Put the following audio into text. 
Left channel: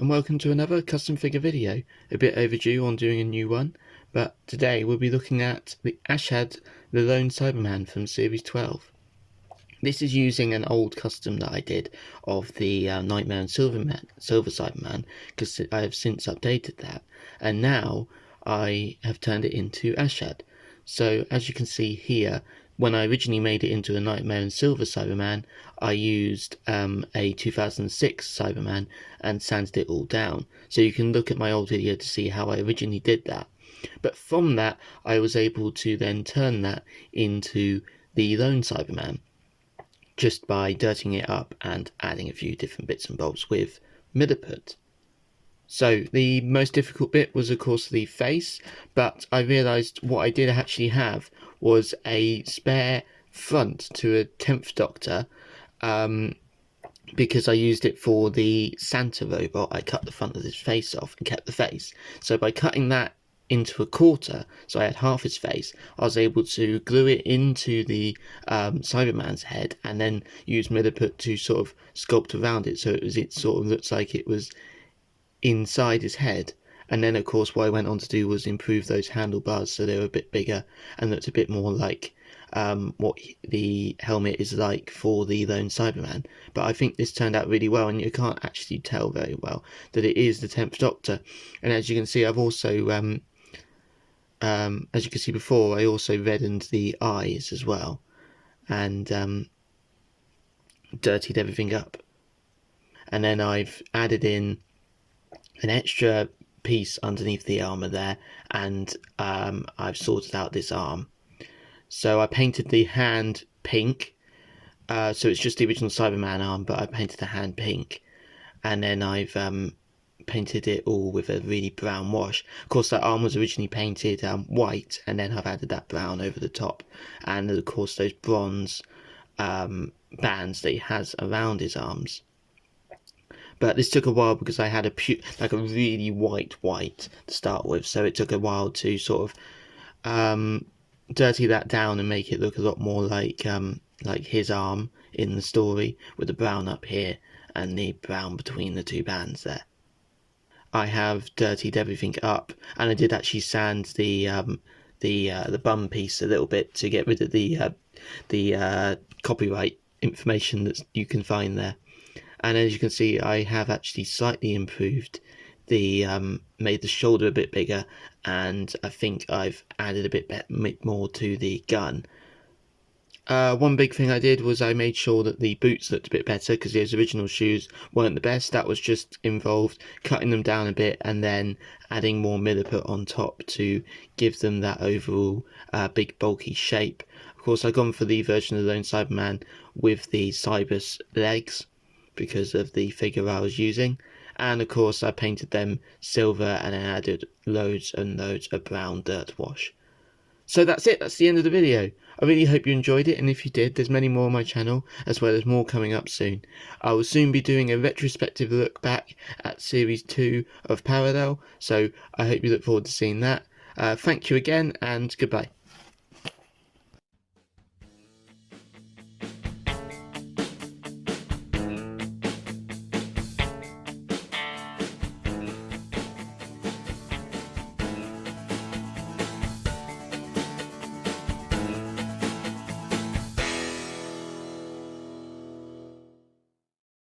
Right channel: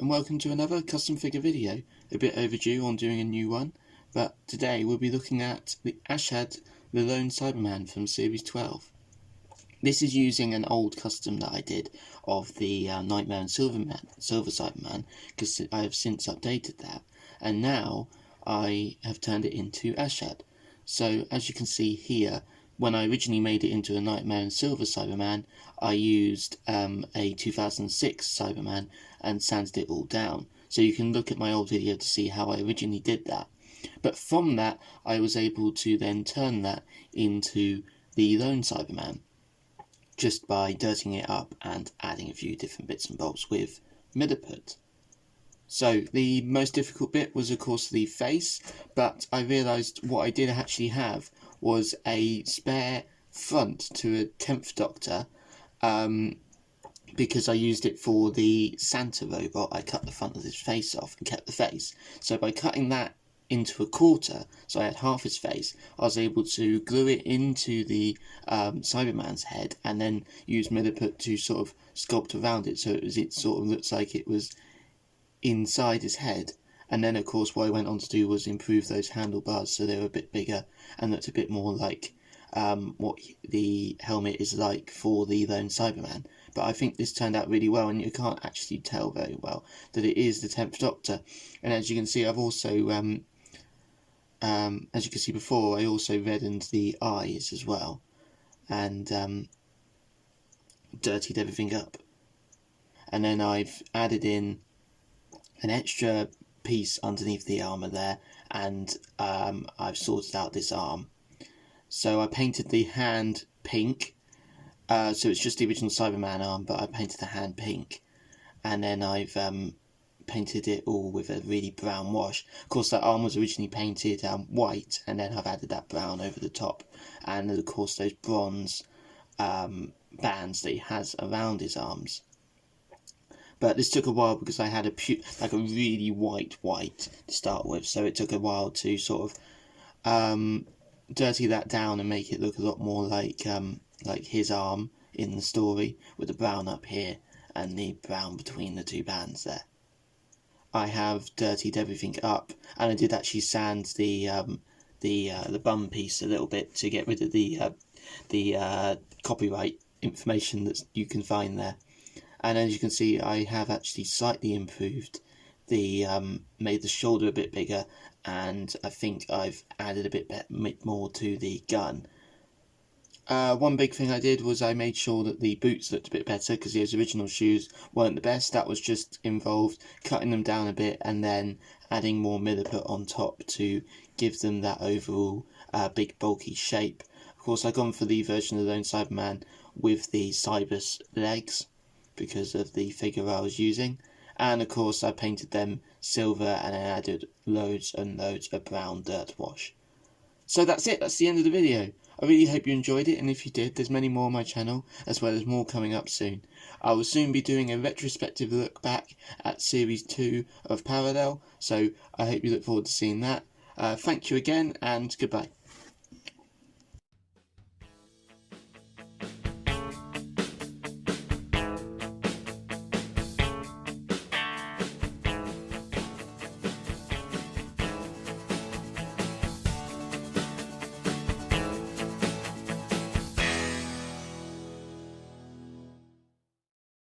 and welcome to another custom figure video. A bit overdue on doing a new one, but today we'll be looking at the Ashad, the Lone Cyberman from Series 12. This is using an old custom that I did of the Nightmare and Silver Cyberman, because I have since updated that, and now I have turned it into Ashad. So as you can see here, when I originally made it into a Nightmare and Silver Cyberman, I used a 2006 Cyberman and sanded it all down. So you can look at my old video to see how I originally did that. But from that, I was able to then turn that into the Lone Cyberman, just by dirtying it up and adding a few different bits and bobs with Milliput. So the most difficult bit was of course the face, but I realised what I did actually have was a spare front to a 10th Doctor, because I used it for the Santa robot. I cut the front of his face off and kept the face. So by cutting that into a quarter, so I had half his face, I was able to glue it into the Cyberman's head and then use Milliput to sort of sculpt around it, so it sort of looks like it was inside his head. And then of course what I went on to do was improve those handlebars so they were a bit bigger and looked a bit more like what the helmet is like for the Lone Cyberman. But I think this turned out really well, and you can't actually tell very well that it is the 10th Doctor. And as you can see, I've also as you can see before, I also reddened the eyes as well and dirtied everything up. And then I've added in an extra piece underneath the armour there, and I've sorted out this arm. So I painted the hand pink, so it's just the original Cyberman arm, but I painted the hand pink, and then I've painted it all with a really brown wash. Of course that arm was originally painted white, and then I've added that brown over the top, and of course those bronze bands that he has around his arms. But this took a while because I had a really white to start with, so it took a while to sort of dirty that down and make it look a lot more like his arm in the story, with the brown up here and the brown between the two bands there. I have dirtied everything up, and I did actually sand the bum piece a little bit to get rid of the copyright information that you can find there. And as you can see, I have actually slightly improved the made the shoulder a bit bigger, and I think I've added a bit more to the gun. One big thing I did was I made sure that the boots looked a bit better, because those original shoes weren't the best. That was just involved cutting them down a bit and then adding more Milliput on top to give them that overall big bulky shape. Of course, I've gone for the version of the Lone Cyberman with the Cybus legs because of the figure I was using, and of course I painted them silver and then added loads and loads of brown dirt wash. So that's it, that's the end of the video. I really hope you enjoyed it, and if you did, there's many more on my channel, as well as more coming up soon. I will soon be doing a retrospective look back at Series 2 of Parallel, so I hope you look forward to seeing that. Thank you again, and goodbye.